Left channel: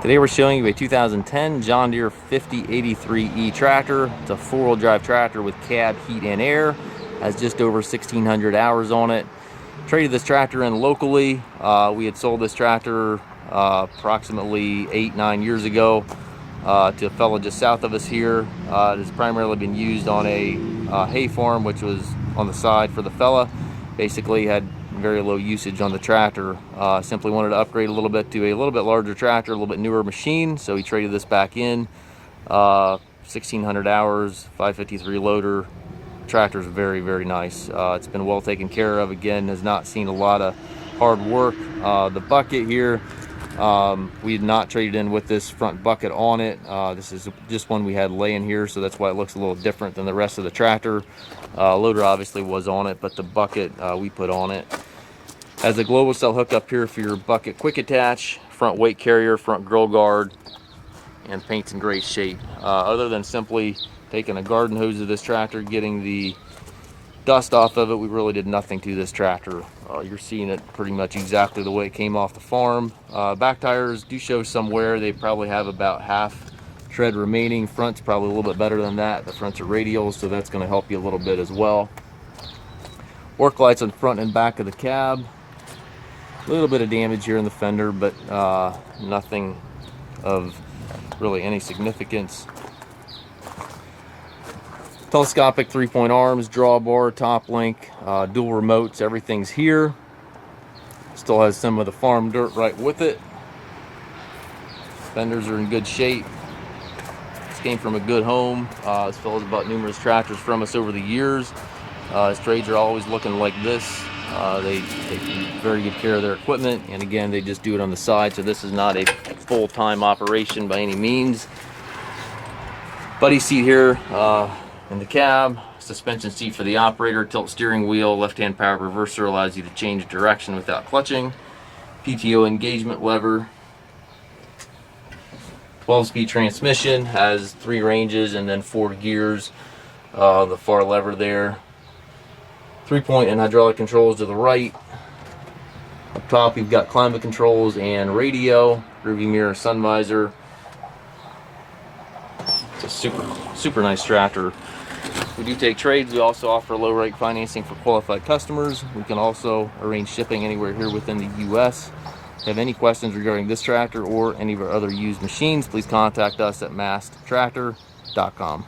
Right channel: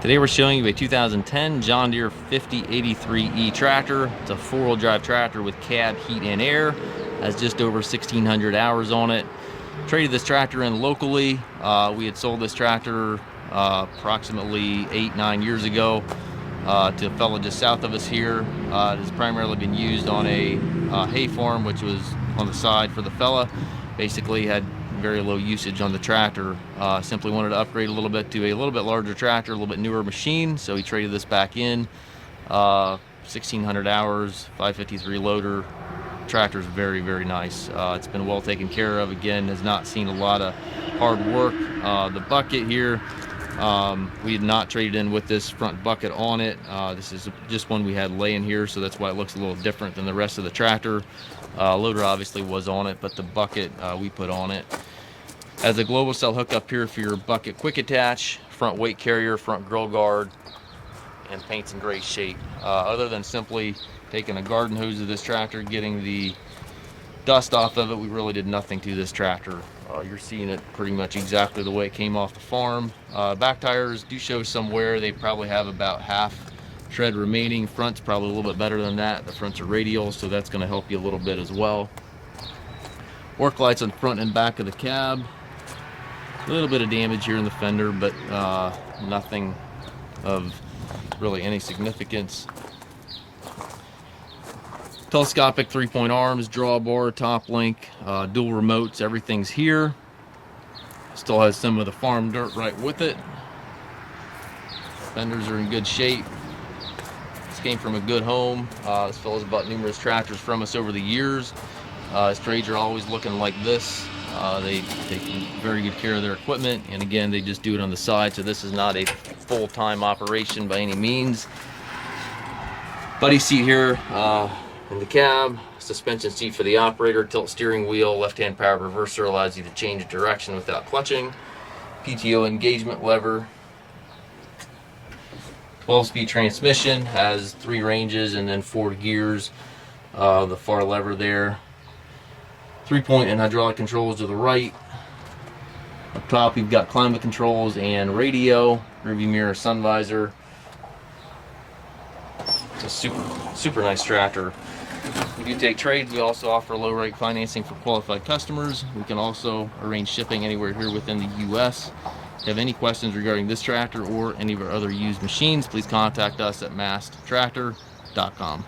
Today we're showing you a 2010 John Deere 5083E tractor. It's a four-wheel drive tractor with cab, heat, and air. Has just over 1,600 hours on it. Traded this tractor in locally. We had sold this tractor approximately 8-9 years ago to a fellow just south of us here. It has primarily been used on a hay farm, which was on the side for the fella. Basically had very low usage on the tractor. Simply wanted to upgrade a little bit to a little bit larger tractor, a little bit newer machine, so he traded this back in. 1,600 hours, 553 loader. Tractor's very, very nice. It's been well taken care of. Again, has not seen a lot of hard work. The bucket here, we had not traded in with this front bucket on it. This is just one we had laying here, so that's why it looks a little different than the rest of the tractor. Loader obviously was on it, but the bucket we put on it. Has a global cell hooked up here for your bucket quick attach, front weight carrier, front grill guard, and paint's in great shape. Other than simply taking a garden hose of this tractor, getting the dust off of it, we really did nothing to this tractor. You're seeing it pretty much exactly the way it came off the farm. Back tires do show some wear. They probably have about half tread remaining. Front's probably a little bit better than that. The fronts are radials, so that's going to help you a little bit as well. Work lights on the front and back of the cab. A little bit of damage here in the fender, but nothing of really any significance. Telescopic 3-point arms, drawbar, top link, dual remotes, everything's here. Still has some of the farm dirt right with it. Fenders are in good shape. This came from a good home. This fellow's bought numerous tractors from us over the years. His trades are always looking like this. They take very good care of their equipment, and again, they just do it on the side, so this is not a full-time operation by any means. Buddy seat here in the cab, suspension seat for the operator, tilt steering wheel, left-hand power reverser allows you to change direction without clutching, PTO engagement lever, 12-speed transmission, has 3 ranges and then 4 gears. The far lever there. 3-point and hydraulic controls to the right. Up top you've got climate controls and radio, rearview mirror, sun visor. It's a super nice tractor. We do take trades. We also offer low rate financing for qualified customers. We can also arrange shipping anywhere here within the U.S. If you have any questions regarding this tractor or any of our other used machines, please contact us at masttractor.com.